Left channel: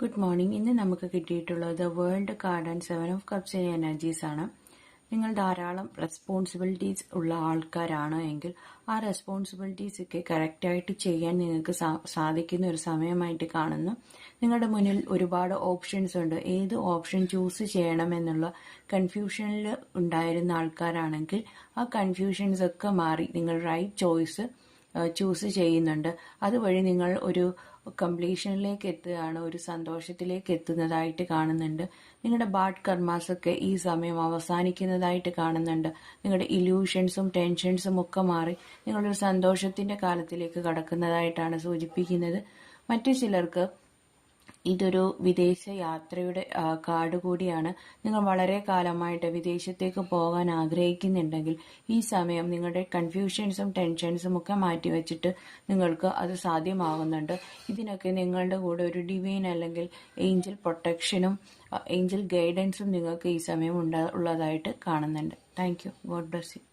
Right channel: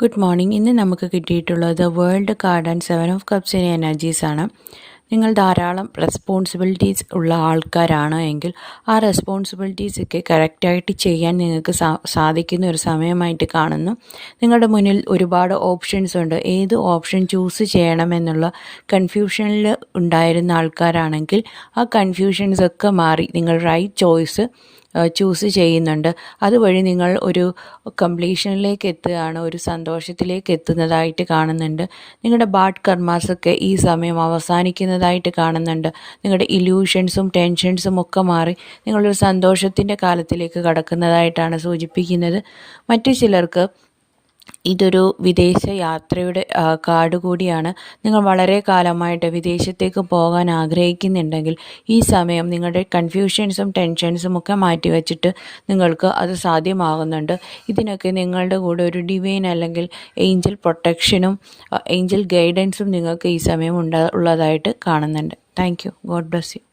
Good morning. ഇന്ന് നമുക്ക് കിട്ടിയിട്ടുള്ളത് വേൾഡ് കാർഡ് ആൻഡ് 7 ഓഫ് കപ്സിൻ്റെ എനർജീസാണ്. നിങ്ങൾ ധാരാളം റെസ്പോൺസിബിലിറ്റീസ് ഉള്ള ആൾക്കാരാണ് എങ്കിൽ ആ റെസ്പോൺസിബിലിറ്റീസൊക്കെ കറക്റ്റായിട്ട് ചെയ്യാൻ നിങ്ങൾക്ക് സാധിക്കുന്ന ഒരു സമയമായിട്ട് കാണുന്നു. നിങ്ങളുടെ മുന്നിൽ ഒരുപാട് ഓപ്ഷൻസ് ഉണ്ട്. ഏത് ഓപ്ഷൻ ചൂസ് ചെയ്യണമെന്നുള്ള കൺഫ്യൂഷനിൽ ഉണ്ടായിരുന്ന ആൾക്കാരാണെങ്കിൽ ആ കൺഫ്യൂഷൻസൊക്കെ മാറി നിങ്ങൾ റൈറ്റ് ചോയ്സ് ചൂസ് ചെയ്യുന്നുണ്ട്. അതുവഴി നിങ്ങൾ ഒരു കംപ്ലീഷനിലേക്ക് എത്തുകയാണ്, ഒരു സന്തോഷത്തിലേക്ക് എത്തുന്നതായിട്ട് കാണുന്നുണ്ട്. നിങ്ങളുടെ ബാഡ് കർമാസൊക്കെ ഈ സമയം അവസാനിക്കുന്നതായിട്ട് കാണുന്നുണ്ട്. നിങ്ങളുടെ ഇല്യൂഷൻസും ടെൻഷൻസും ഒക്കെ മാറി നിങ്ങളൊരു സന്തോഷത്തിൻ്റെ കാലത്തിലേക്ക് കടക്കുന്നതായിട്ടാണ് സൂചിപ്പിക്കുന്നത്. മറ്റു ചിലർക്ക് ഇതൊരു വിദേശ യാത്രയുടെ കാർഡ് കൂടിയാണ്. നിങ്ങൾ വളരെ കാലമായിട്ട് വിദേശത്തേക്ക് പോകാൻ ആഗ്രഹിക്കുന്നുണ്ടെങ്കിൽ ഈ സമയം നിങ്ങളുടെ കൺഫ്യൂഷൻസും ടെൻഷൻസും ഒക്കെ മാറ്റിവെച്ചിട്ട് നിങ്ങൾക്ക് അത് സാധ്യമാകുന്നുണ്ട്. ഇതിനൊക്കെ നിങ്ങളുടെ കൂടെ ഒരു ഡിവൈൻ അല്ലെങ്കിൽ ഏഞ്ചൽ പ്രൊട്ടക്ഷനും ഏഞ്ചൽ ഗൈഡൻസും നിങ്ങൾക്ക് ഈ സമയം ഉള്ളതായിട്ട് കാണുന്നുണ്ട്. Thank you. God bless you.